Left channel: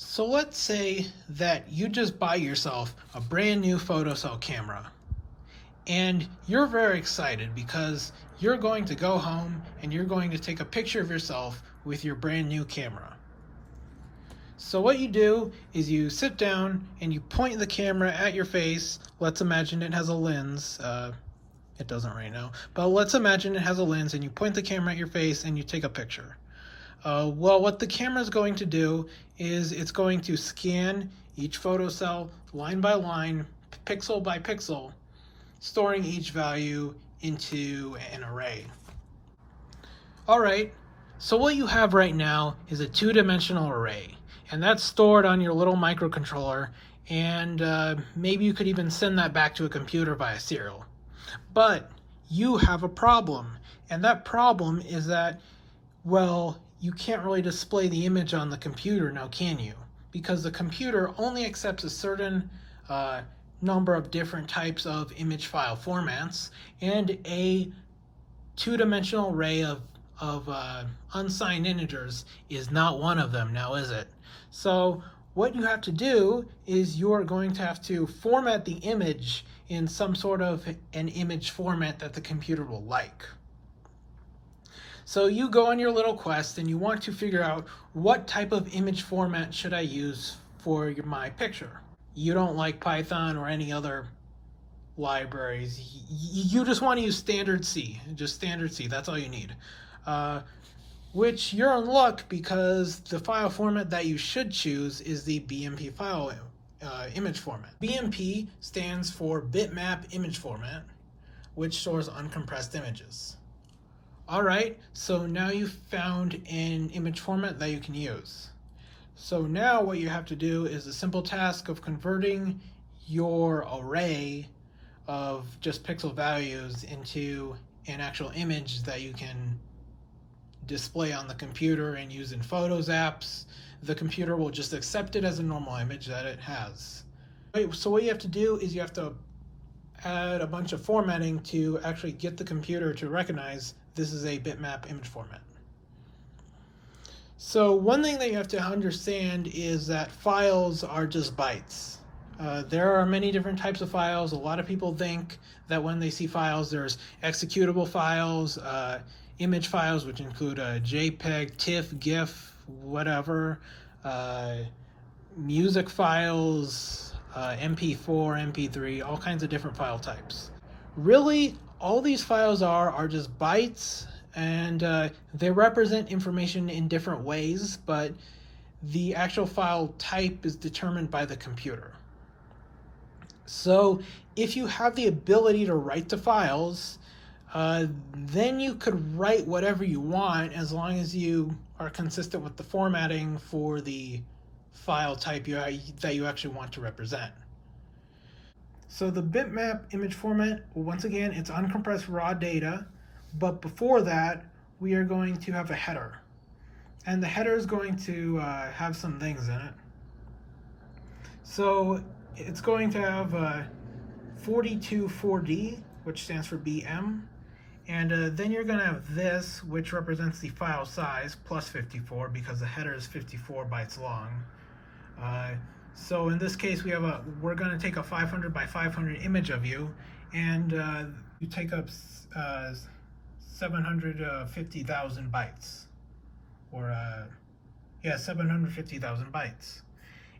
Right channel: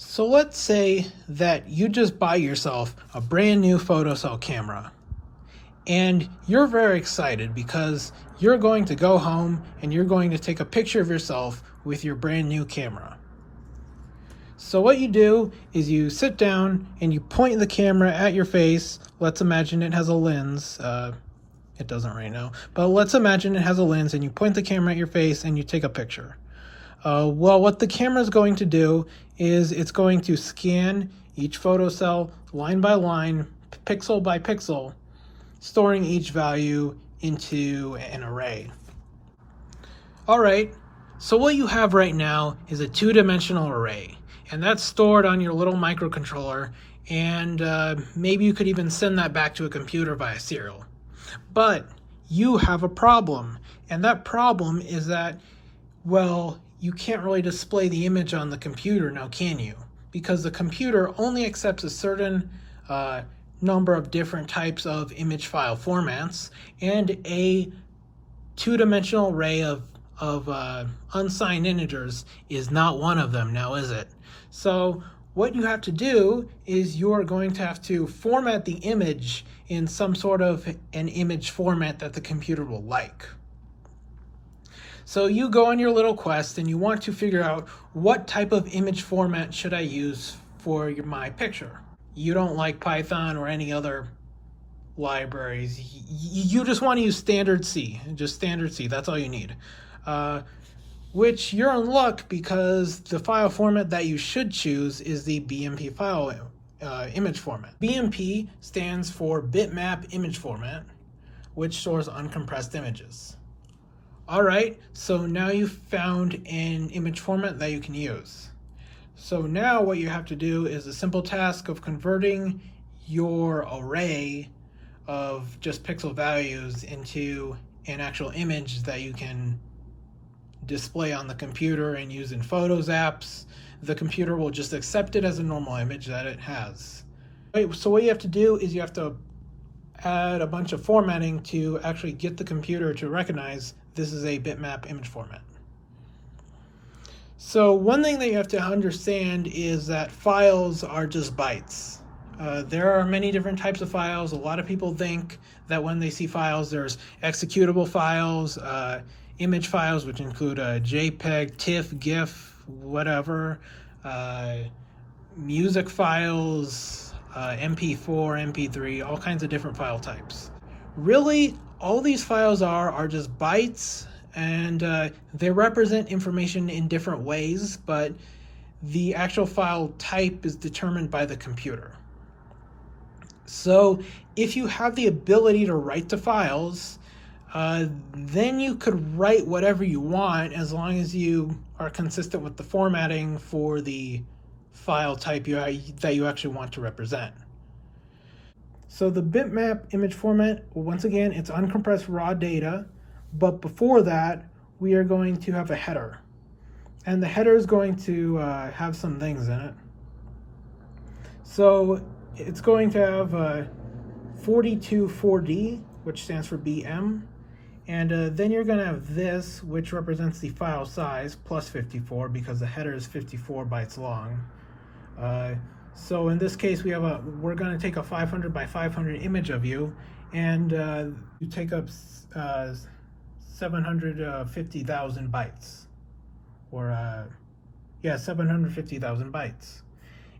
So let's say that you just buy yourself a brand new photocell camera and you're very excited because you're going to go home and you're going to take a picture of yourself with your brand new camera. So what you do is you sit down and you point the camera at your face. Let's imagine it has a lens. It doesn't right now, but let's imagine it has a lens and you point the camera at your face and you take a picture. Well, what the camera is going to do is it's going to scan each photocell line by line, pixel by pixel, storing each value into an array. All right, so what you have right now is a two-dimensional array, and that's stored on your little microcontroller, and maybe you could even send that back to a computer via serial. But you have a problem, and that problem is that, well, you can't really display the image on the computer now, can you? Because the computer only accepts a certain number of different types of image file formats, and a two-dimensional array of unsigned integers is not one of them now, is it? So what you have to do is you're going to have to format the image in some sort of an image format that the computer will like. So you go on your little quest and you want to figure out what type of image format should I use for my picture. You don't like Python or any other libraries. You just want to use standard C, just standard C, that's all you need. Which you're in luck because the file format that you should choose is the BMP file image format. BMP stands for bitmap image format, which stores uncompressed images. All right, so now you've found an image format that you can use. So now what you have to do is the simple task of converting your array of just pixel values into an actual image that you can display on the computer and use in Photos apps. The computer will just accept it as a normal image that it has. So what you have to do is you have to add a bunch of formatting to actually get the computer to recognize this is a bitmap image format. So one thing that you have to understand is that files are just bytes. There are many different types of files. A lot of people think that when they see files, there's executable files, image files, which include JPEG, TIFF, GIF, whatever, music files, MP4, MP3, all kinds of different file types. Really, all these files are just bytes, and they represent information in different ways, but the actual file type is determined by the computer. So if you have the ability to write to files, then you could write whatever you want as long as you are consistent with the formatting for the file type that you actually want to represent. So the bitmap image format, once again, it's uncompressed raw data, but before that, we are going to have a header. And the header is going to have some things in it. So it's going to have 424D, which stands for BM. And then you're going to have this, which represents the file size, plus 54, because the header is 54 bytes long. So in this case, we're going to take a 500 by 500 image of you, and you take up 750,000 bytes, or 750,000 bytes.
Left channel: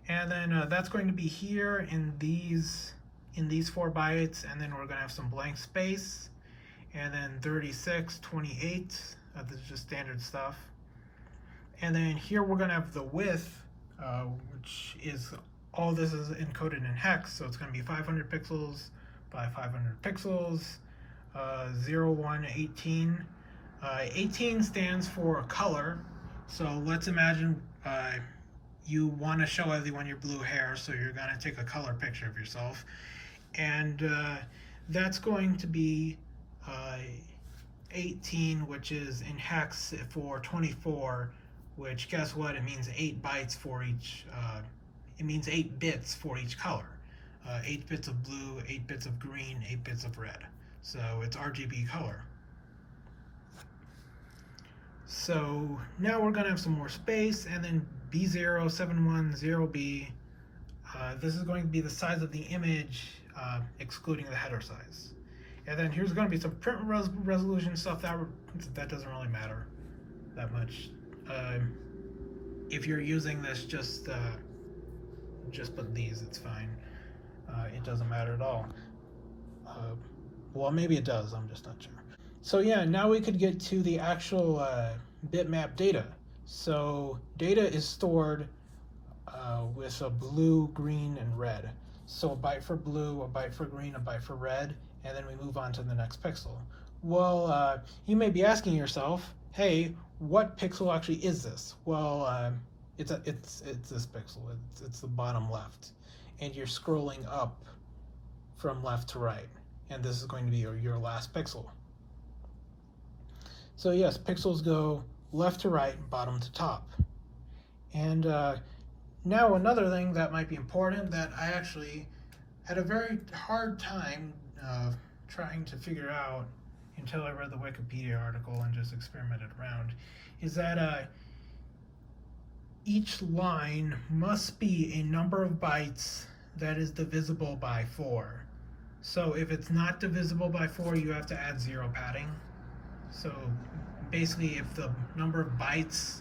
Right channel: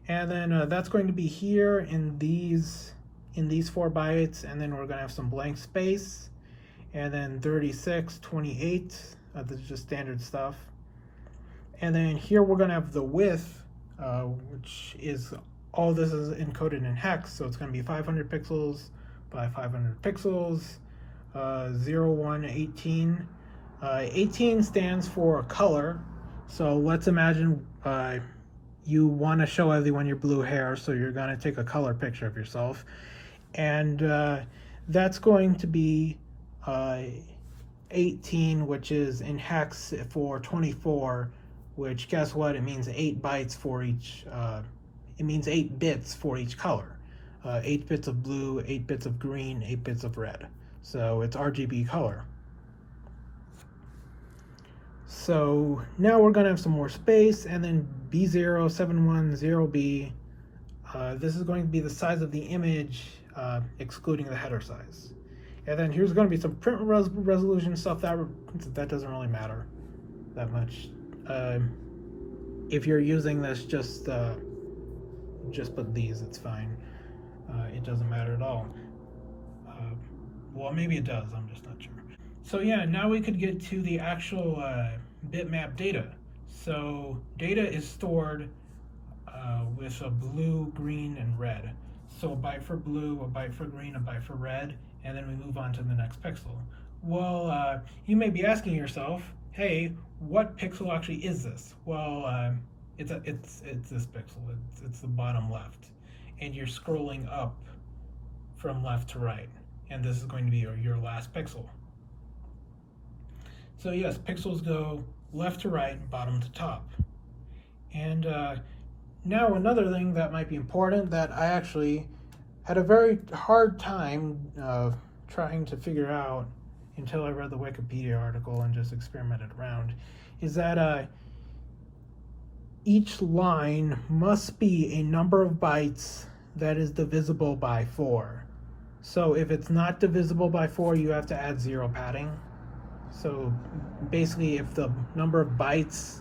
And then that's going to be here in these 4 bytes, and then we're going to have some blank space, and then 36, 28, this is just standard stuff. And then here we're going to have the width, which is, all this is encoded in hex, so it's going to be 500 pixels by 500 pixels, 0, 1, 18. 18 stands for color, so let's imagine you want to show everyone your blue hair, so you're going to take a color picture of yourself, and that's going to be 18, which is in hex for 24, which, guess what, it means 8 bytes for each, it means 8 bits for each color. 8 bits of blue, 8 bits of green, 8 bits of red. So it's RGB color. So now we're gonna have some more space, and then B0710B, this is going to be the size of the image, excluding the header size. And then here's going to be some print resolution stuff that doesn't really matter that much. If you're using this, just put these, it's fine. It doesn't matter at all. Well, maybe it does, I'm just not sure. So yeah, now we could get to the actual bitmap data. So data is stored with a blue, green, and red. So a byte for blue, a byte for green, a byte for red, and then we move on to the next pixel. Well, you may be asking yourself, hey, what pixel actually is this? Well, it's this pixel. It's the bottom left, and you're scrolling up from left to right, and this is going to be your last pixel. So yes, pixels go left to right, bottom to top. And now another thing that might be important that I actually had a very hard time trying to figure out until I read the Wikipedia article and just experimented around, is that each line must be a number of bytes that is divisible by 4. So if it's not divisible by 4, you have to add 0 padding. So basically, if the number of bytes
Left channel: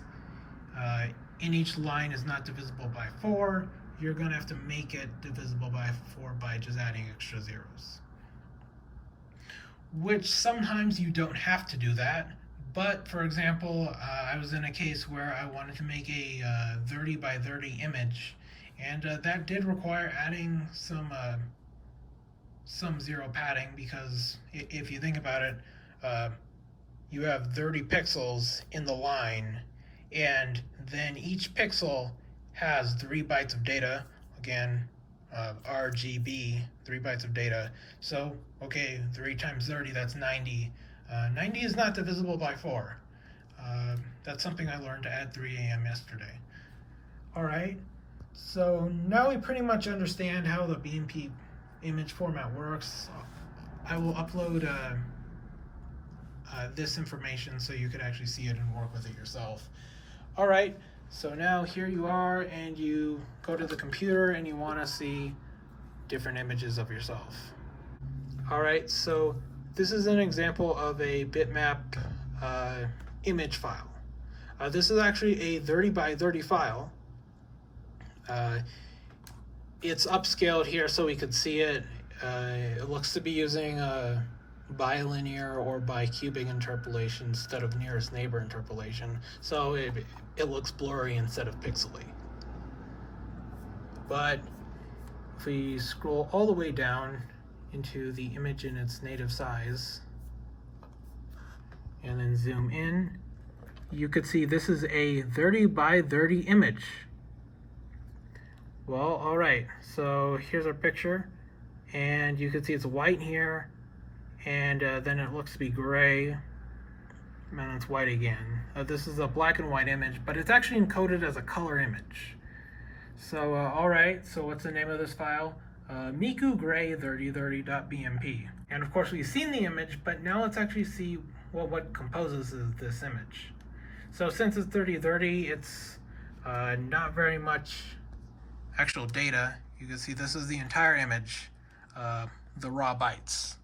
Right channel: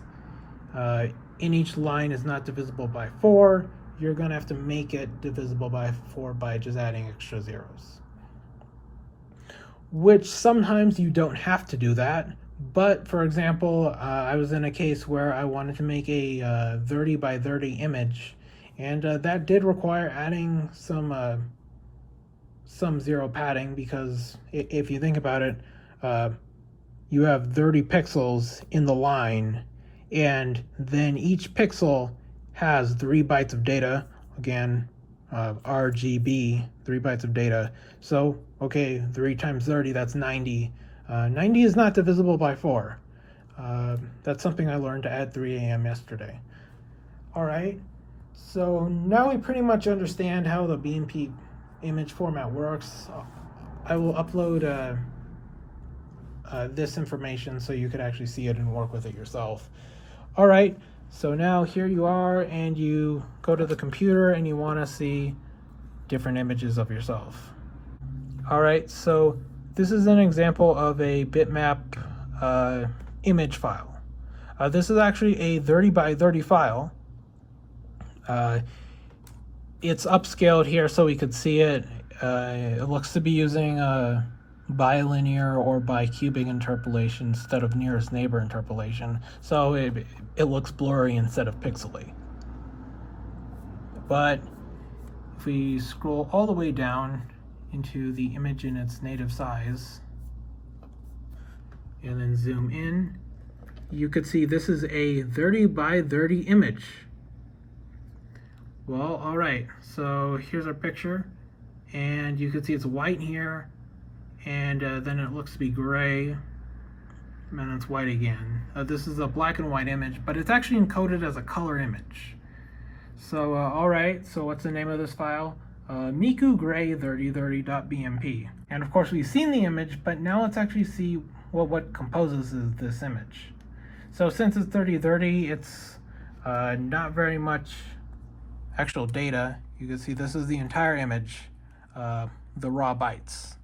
in each line is not divisible by 4, you're going to have to make it divisible by 4 by just adding extra zeros. Which sometimes you don't have to do that. But for example, I was in a case where I wanted to make a 30 by 30 image, and that did require adding some 0 padding, because if you think about it, you have 30 pixels in the line, and then each pixel has 3 bytes of data. Again, RGB, 3 bytes of data. So, okay, 3 times 30, that's 90. 90 is not divisible by 4. That's something I learned at 3 a.m. yesterday. All right, so now we pretty much understand how the BMP image format works. I will upload this information so you could actually see it and work with it yourself. All right, so now here you are, and you go to the computer and you want to see different images of yourself. All right, so this is an example of a bitmap image file. This is actually a 30 by 30 file. It's upscaled here so we could see it. It looks to be using bilinear or bicubic interpolation instead of nearest neighbor interpolation, so it looks blurry instead of pixely. But if we scroll all the way down into the image in its native size and then zoom in, you could see this is a 30 by 30 image. Well, all right, so here's our picture, and you can see it's white here, and then it looks to be gray, and then it's white again. This is a black and white image, but it's actually encoded as a color image. So, all right, so what's the name of this file? Miku Gray 3030.bmp. And of course, we've seen the image, but now let's actually see what composes this image. So since it's 3030, it's not very much actual data. You can see this is the entire image, the raw bytes.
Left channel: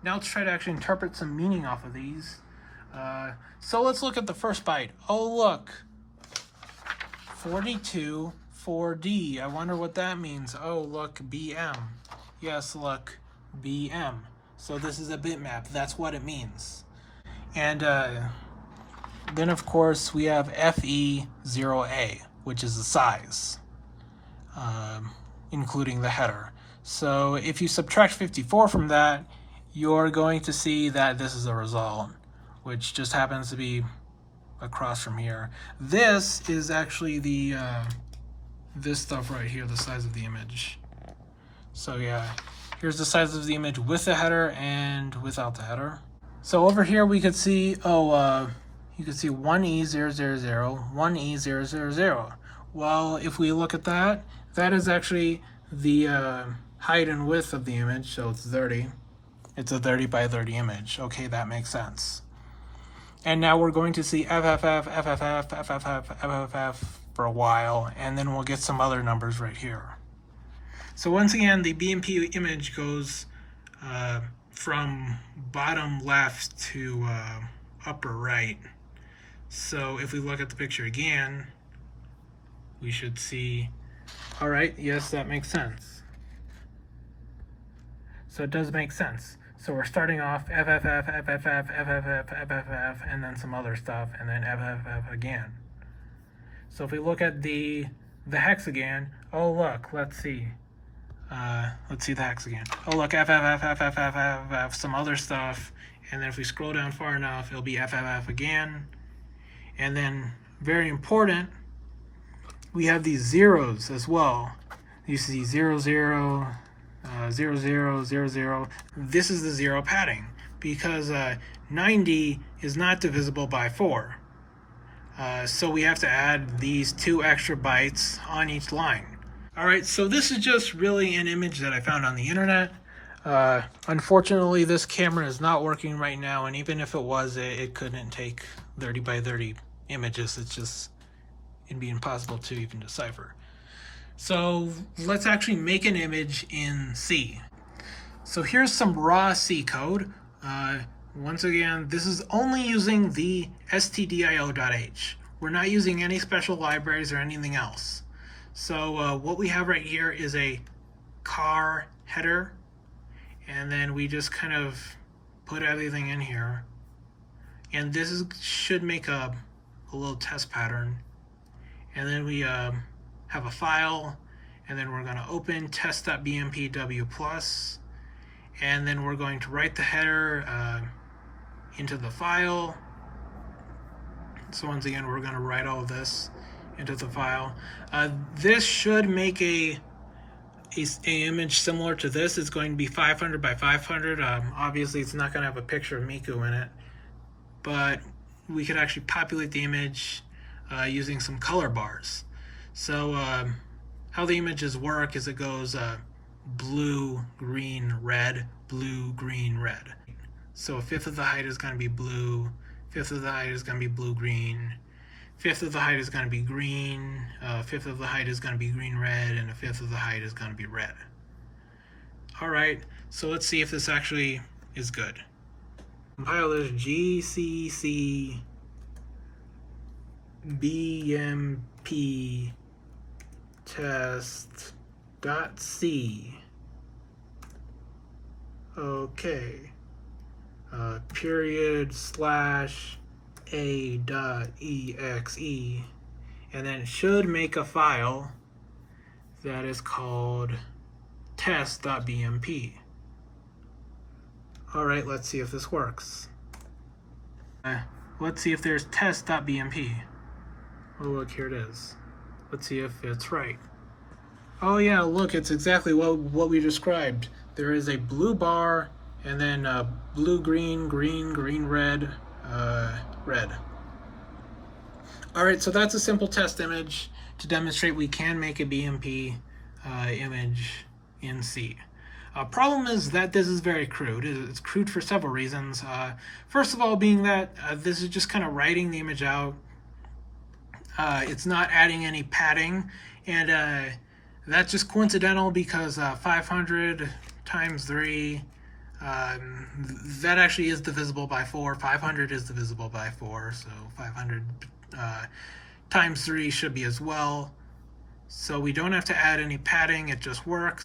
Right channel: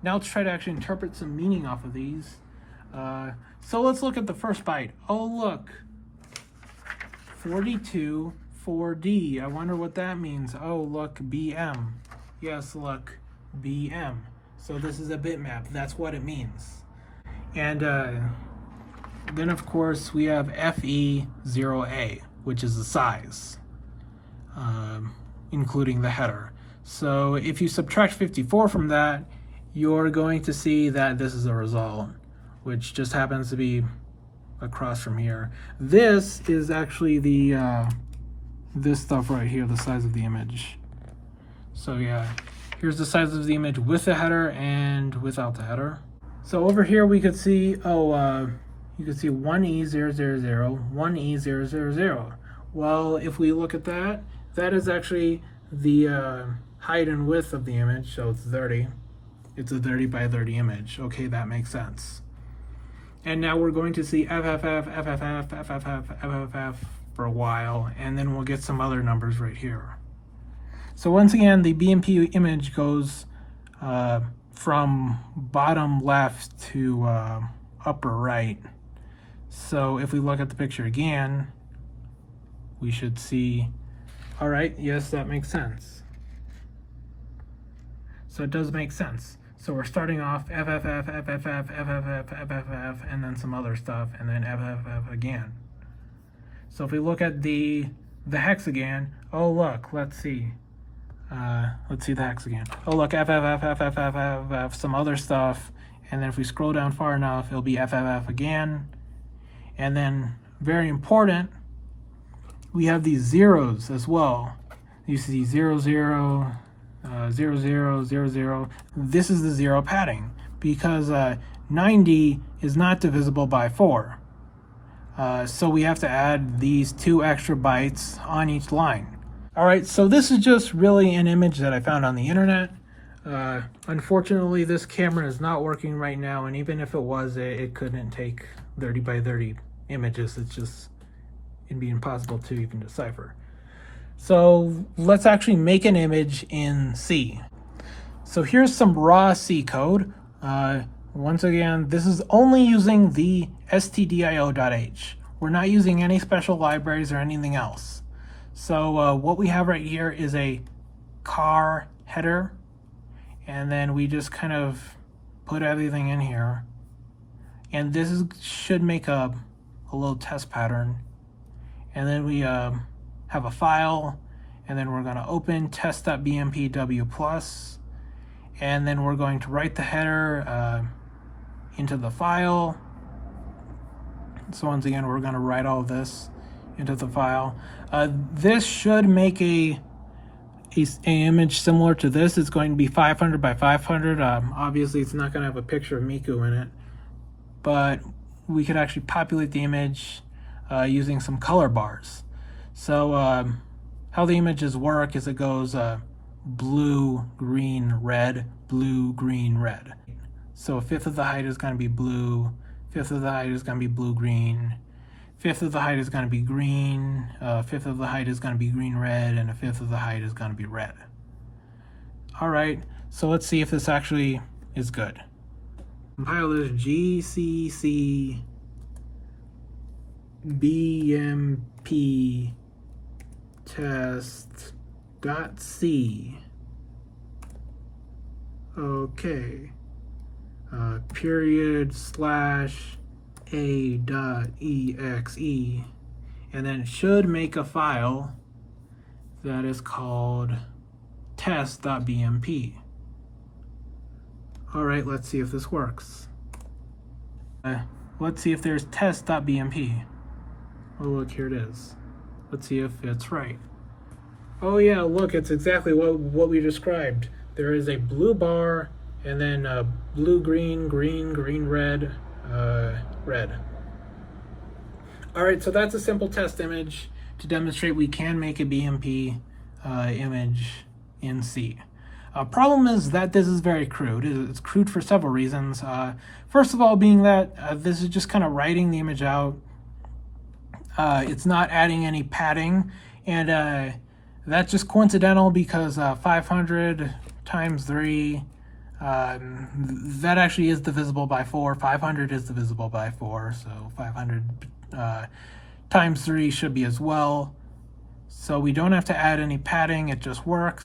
Now let's try to actually interpret some meaning off of these. So let's look at the first byte. Oh, look, 42 4D. I wonder what that means. Oh, look, BM. Yes, look, BM. So this is a bitmap. That's what it means. And then, of course, we have FE0A, which is the size, including the header. So if you subtract 54 from that, you're going to see that this is a result, which just happens to be across from here. This is actually the this stuff right here, the size of the image. So yeah, here's the size of the image with the header and without the header. So over here we could see, you can see 1E000, 1E000. Well, if we look at that, that is actually the height and width of the image, so it's 30. It's a 30 by 30 image. Okay, that makes sense. And now we're going to see FFF, FFF, FFF, FFF for a while, and then we'll get some other numbers right here. So once again, the BMP image goes from bottom left to upper right. So if we look at the picture again, we should see, all right, yes, that makes sense. So it does make sense. So we're starting off FFF, FFF, FFF, FFF, and then some other stuff, and then FFF again. So if we look at the hex again, oh look, let's see the hex again. Oh look, FFF, FFF, FFF, some other stuff, and then if we scroll down far enough, it'll be FFF again. And then, very important, we have these zeros as well. You see 0, 0, 0, 0, 0, 0. This is the zero padding because 90 is not divisible by 4. So we have to add these 2 extra bytes on each line. All right, so this is just really an image that I found on the internet. Unfortunately, this camera is not working right now, and even if it was, it couldn't take 30 by 30 images. It'd be impossible to even decipher. So let's actually make an image in C. So here's some raw C code. Once again, this is only using the stdio.h. We're not using any special libraries or anything else. So what we have right here is a car header, and then we just kind of put everything in here. And this should make a little test pattern. And then we have a file, and then we're going to open test.bmpw+, and then we're going to write the header into the file. So once again, we're going to write all this into the file. This should make a image similar to this. It's going to be 500 by 500. Obviously, it's not going to have a picture of Miku in it, but we could actually populate the image using some color bars. So how the images work is it goes blue, green, red, blue, green, red. So a fifth of the height is going to be blue, fifth of the height is going to be blue, green, fifth of the height is going to be green, fifth of the height is going to be green, red, and a fifth of the height is going to be red. All right, so let's see if this actually is good. Compile this GCC BMP test.c. Okay. Period / a.exe, and then it should make a file that is called test.bmp. All right, let's see if this works. Let's see if there's test.bmp. Oh, look, here it is. Let's see if it's right. Oh yeah, look, it's exactly what we described. There is a blue bar, and then blue, green, green, green, red, red. All right, so that's a simple test image to demonstrate we can make a BMP image in C. Problem is that this is very crude. It's crude for several reasons. First of all, being that this is just kind of writing the image out. It's not adding any padding, and that's just coincidental because 500 times 3, that actually is divisible by 4. 500 is divisible by 4, so 500 times 3 should be as well. So we don't have to add any padding, it just works.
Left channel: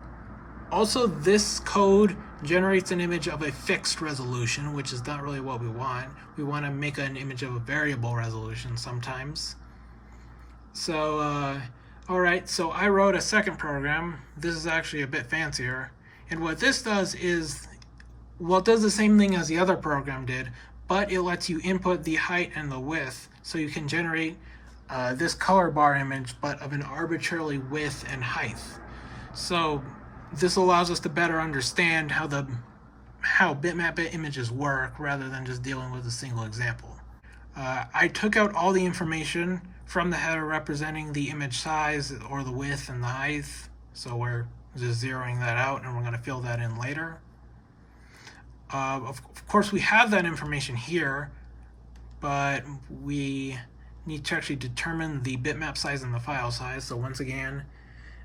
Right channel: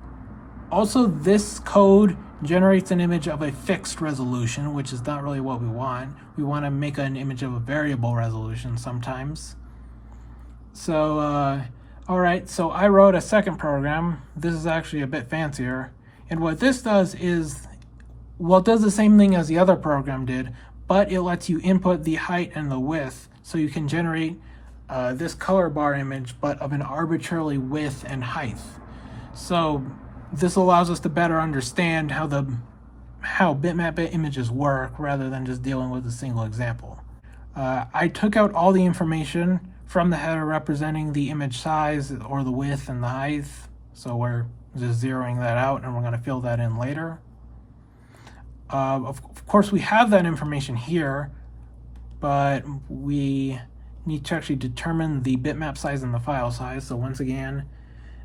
Also, this code generates an image of a fixed resolution, which is not really what we want. We want to make an image of a variable resolution sometimes. So, all right, so I wrote a second program. This is actually a bit fancier. And what this does is, well, it does the same thing as the other program did, but it lets you input the height and the width. So you can generate this color bar image, but of an arbitrarily width and height. So this allows us to better understand how bitmap images work rather than just dealing with a single example. I took out all the information from the header representing the image size or the width and the height. So we're just zeroing that out, and we're going to fill that in later. Of course, we have that information here, but we need to actually determine the bitmap size and the file size. So once again,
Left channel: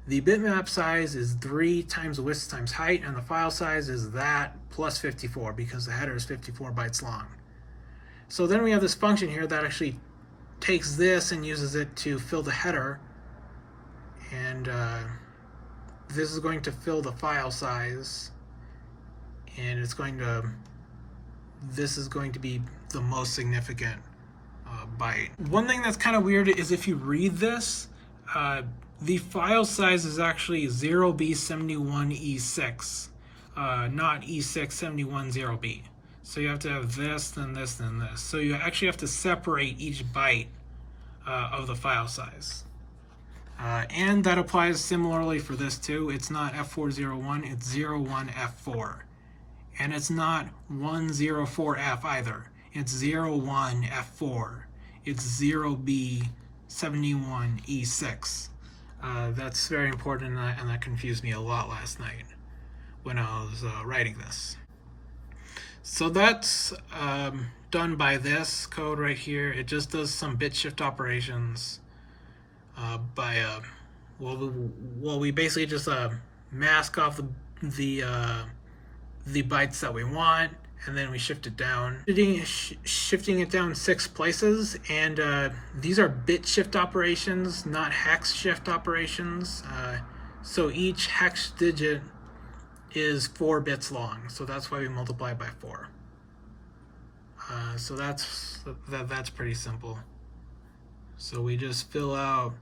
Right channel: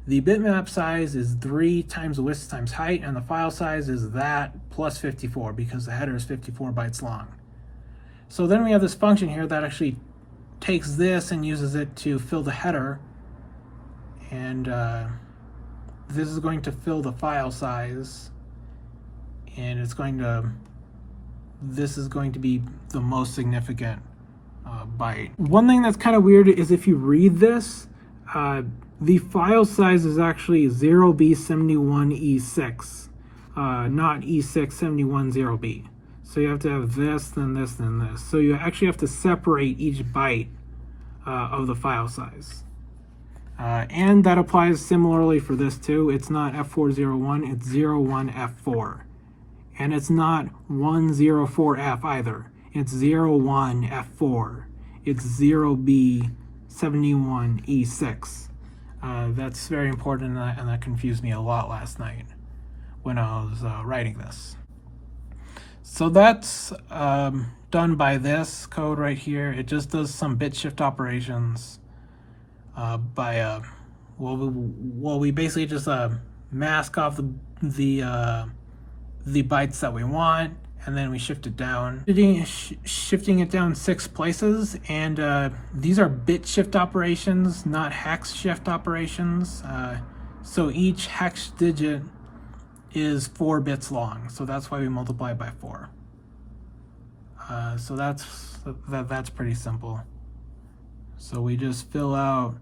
the bitmap size is 3 times width times height, and the file size is that plus 54 because the header is 54 bytes long. So then we have this function here that actually takes this and uses it to fill the header, and this is going to fill the file size, and this is going to be the most significant byte. One thing that's kind of weird is if you read this, the file size is actually 0B71E6, not E671-0B. So you have to have this, then this, then this. So you actually have to separate each byte of the file size. And that applies similarly for this too. It's not F401, it's 01F4. And it's not 104F either. It's 01F4. It's 0B71E6. That's very important, and that confused me a lot last night when I was writing this. So that's done by this code right here. It just does some bit shift operations we basically just mask off the bytes that we want, and then we shift it down. Shifting it down 6 places, and these are bit shift operations, not hex shift operations. So each hex digit is 4 bits long, so that's why we multiply it by 4. So that's pretty simple. So we just fill out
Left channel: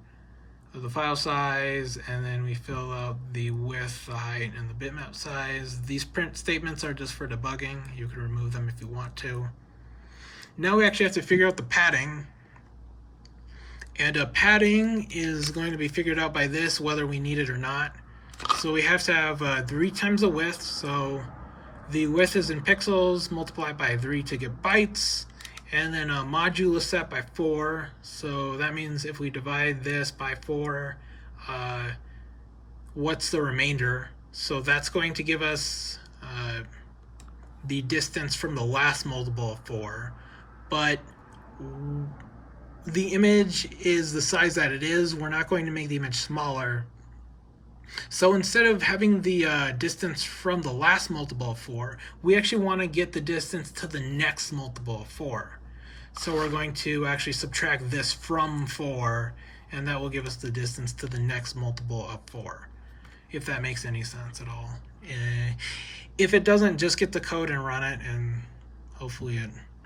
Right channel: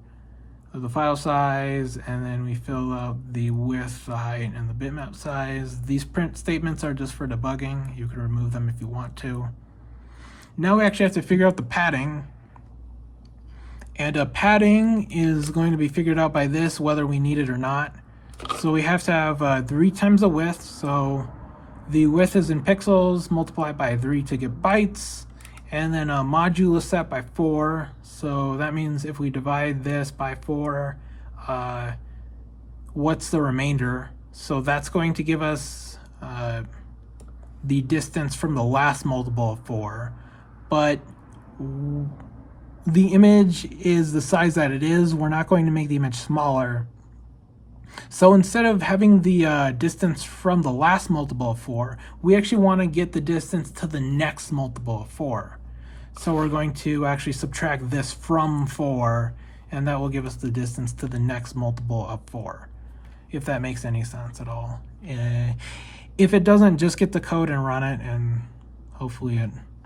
the file size, and then we fill out the width, the height, and the bitmap size. These print statements are just for debugging. You can remove them if you want to. Now we actually have to figure out the padding. And padding is going to be figured out by this, whether we need it or not. So we have to have 3 times the width. So the width is in pixels, multiplied by 3 to get bytes. And then a modulus set by 4. So that means if we divide this by 4, what's the remainder? So that's going to give us the distance from the last multiple of 4. But the image is the size that it is. We're not going to make the image smaller. So instead of having the distance from the last multiple of 4, we actually want to get the distance to the next multiple of 4. So we're going to actually subtract this from 4, and that will give us the distance to the next multiple of 4, if that makes any sense at all. If it doesn't, just get the code and run it, and hopefully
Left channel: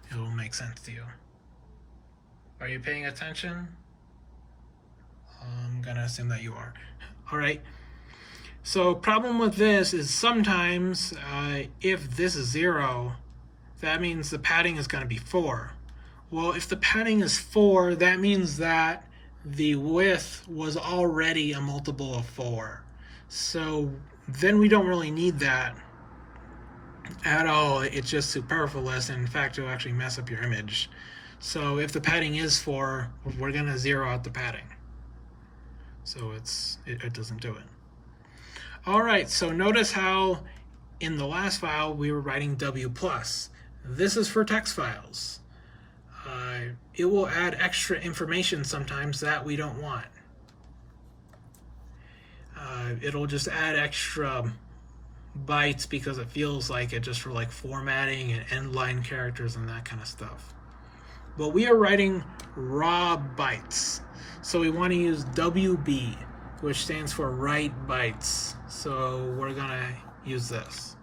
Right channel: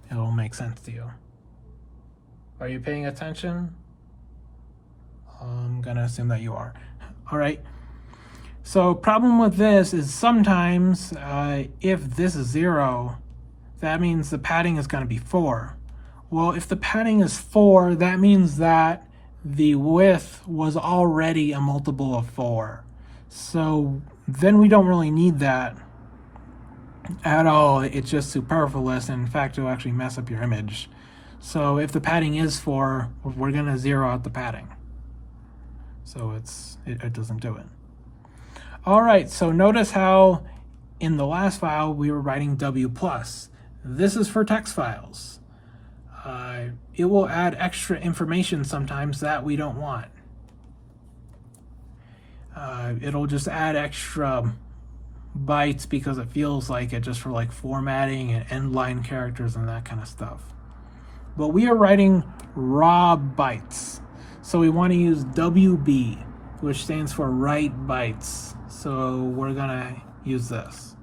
it'll make sense to you. Are you paying attention? I'm gonna assume that you are. All right. So problem with this is sometimes if this is 0, that means the padding is going to be 4. Well, if the padding is 4, that means that the width was already a multiple of 4. So then we don't really need that at all. It's just superfluous, and in fact it'll actually mess up your image. So if the padding is 4, we're going to 0 out the padding. So it doesn't do it. All right, so notice how in the last file we were writing W+. This is for text files. It will add extra information sometimes that we don't want. It'll just add extra bytes because it feels like it, just for like formatting and end line characters and that kind of stuff. But we are writing raw bytes. So we want to use WB, which stands for write bytes. So we're gonna use this.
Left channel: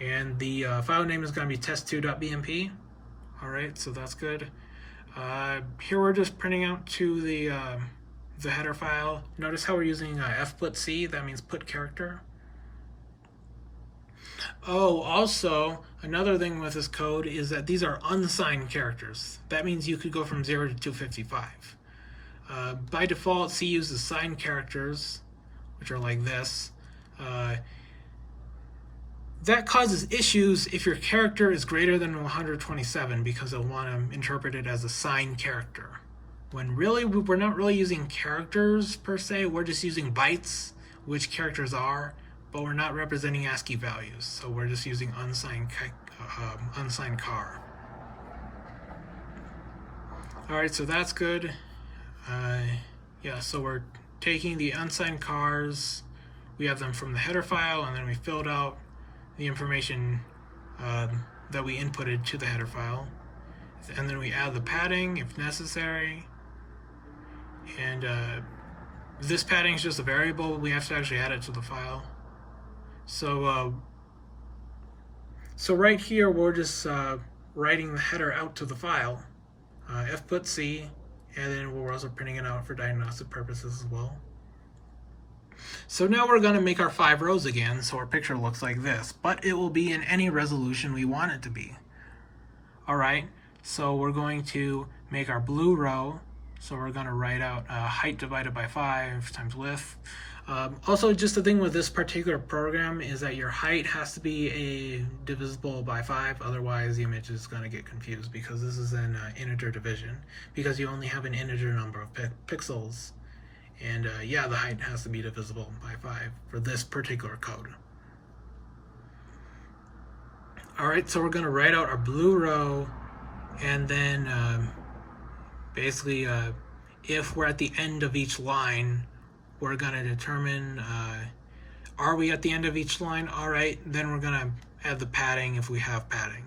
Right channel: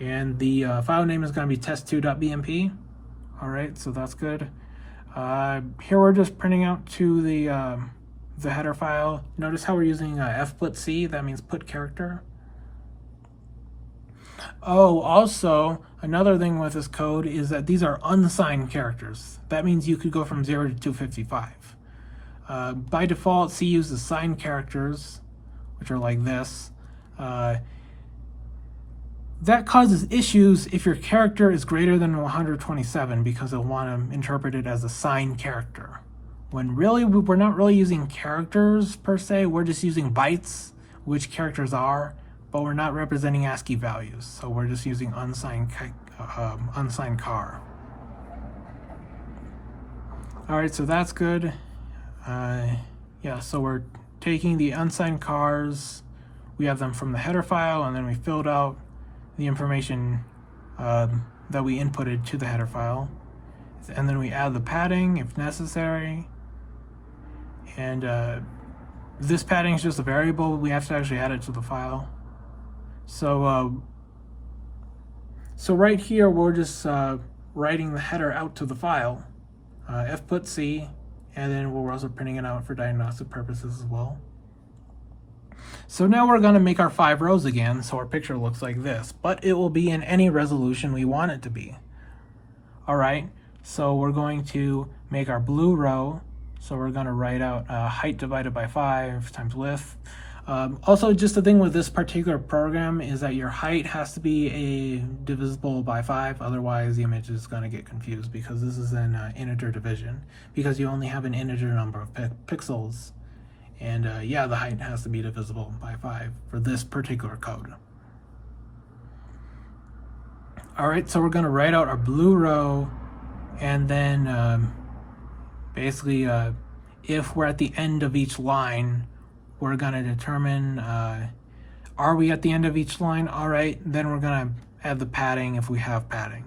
And the file name is gonna be test2.bmp. All right, so that's good. Here we're just printing out to the header file. Notice how we're using fputc, that means put character. Oh, also, another thing with this code is that these are unsigned characters. That means you could go from 0 to 255. By default, C uses signed characters, which are like this. That causes issues if your character is greater than 127 because they'll want to interpret it as a signed character. When really, we're not really using characters per se, we're just using bytes, which characters are, but we're not representing ASCII values. So we're just using unsigned car. All right, so that's good. Yeah, so we're taking the unsigned cars. We have them from the header file, and then we filled out the information that we inputted to the header file. And then we add the padding if necessary. And this padding is just a variable. We have to actually add it to the file. So right here, we're just writing the header out to the file. fput.c, and then we're also printing it out for diagnostic purposes as well. So now we're going to make our 5 rows again, so our picture looks like this, but it will be in any resolution we want it to be. Alright, so we're going to make our blue row, so we're going to write out height divided by 5 times width. Also, just the thing with this particular program is that your height has to be divisible by 5, otherwise the image is going to get confused, because this is an integer division, because you only have an integer number of pixels. And yeah, the height has to be divisible by 5 for this particular code. Alright, so we're going to write out our blue row, and then basically if we're at the end of each line, we're going to determine, are we at the end of each line? Alright, then we're going to add the padding if we have padding.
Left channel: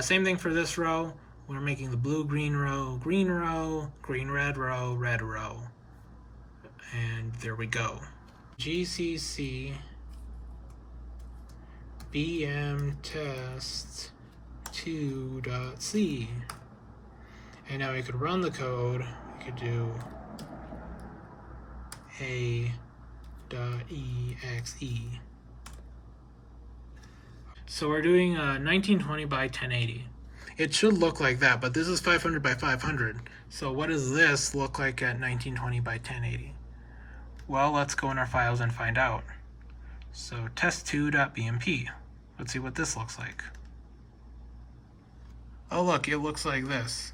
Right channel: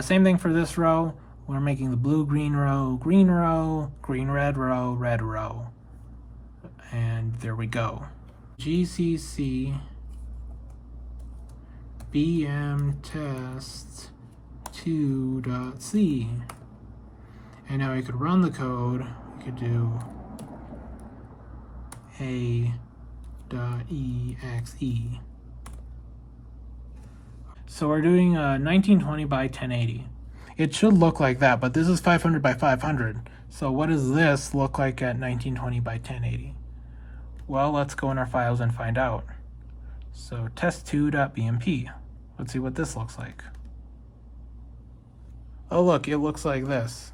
Same thing for this row. We're making the blue green row, green red row, red row. And there we go. GCC BM test 2.c. And now we could run the code. We could do a.exe. So we're doing 1920 by 1080. It should look like that, but this is 500 by 500. So what does this look like at 1920 by 1080? Well, let's go in our files and find out. So test2.bmp. Let's see what this looks like. Oh look, it looks like this.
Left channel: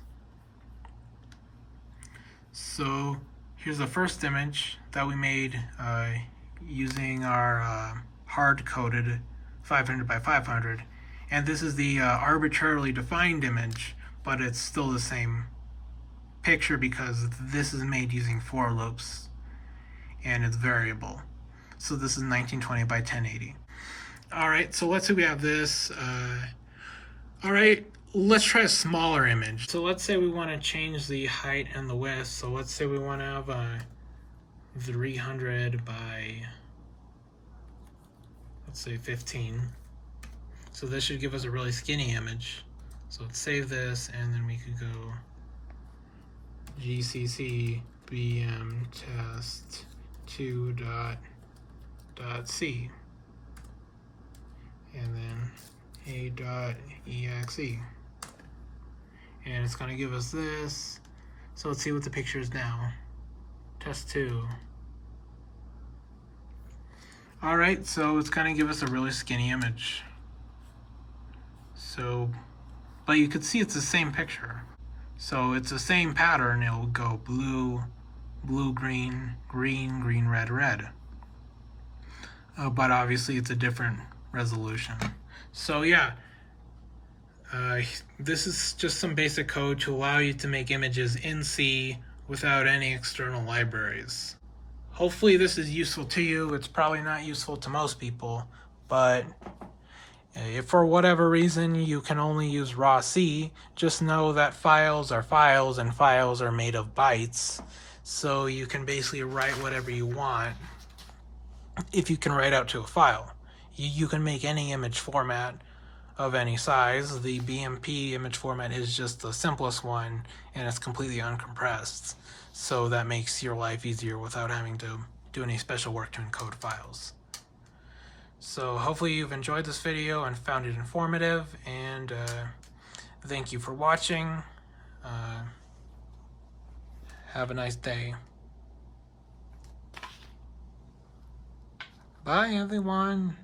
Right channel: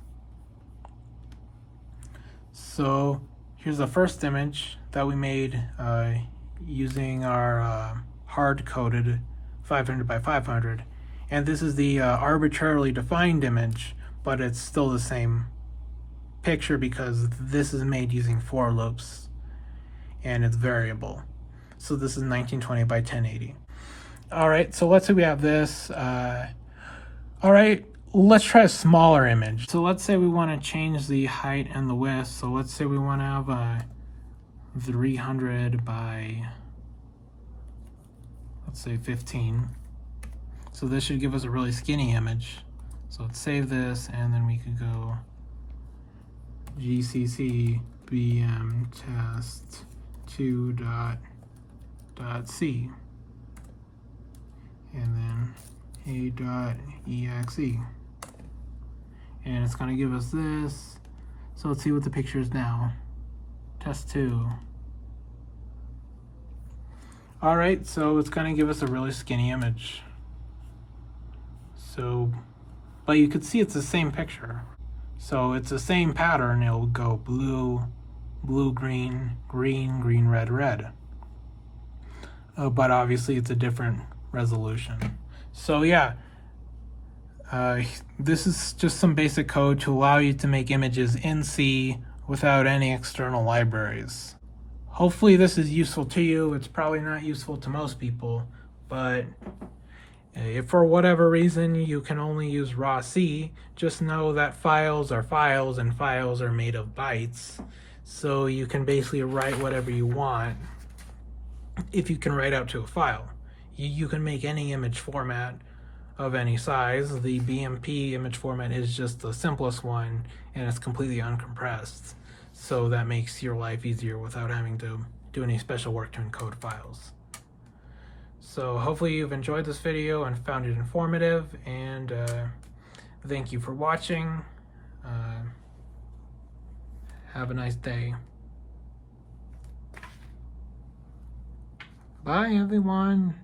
So here's the first image that we made using our hard-coded 500 by 500. And this is the arbitrarily defined image, but it's still the same picture because this is made using for loops and it's variable. So this is 1920 by 1080. All right, so let's say we have this. All right, let's try a smaller image. So let's say we want to change the height and the width. So let's say we want to have 300 by, let's say 15. So this should give us a really skinny image. So let's save this, and then we could go GCC BM test 2.c, and then a.exe, and it's going to give us this. So let's see what the picture is now. Test 2. Alright, so it's going to give us a really skinny image. So, but you could see it's the same picture. So it's the same pattern. It'll go blue, blue, green, green, green, red, red. But obviously it's a different resolution. So yeah, this is just some basic code to allow you to make images in C without any external libraries. Hopefully this is useful to you. It's probably not useful to most people, but if for whatever reason you can only use raw C, just know that files are files and files are made of bytes. So you can basically write whatever you want if you can write out to a file. You can make any image format of any size. The BMP image format is just the simplest one, and it's completely uncompressed. So that makes your life easier without having to do any special work to encode files. So hopefully you've enjoyed this video and found it informative, and thank you for watching. Have a nice day. Bye everyone.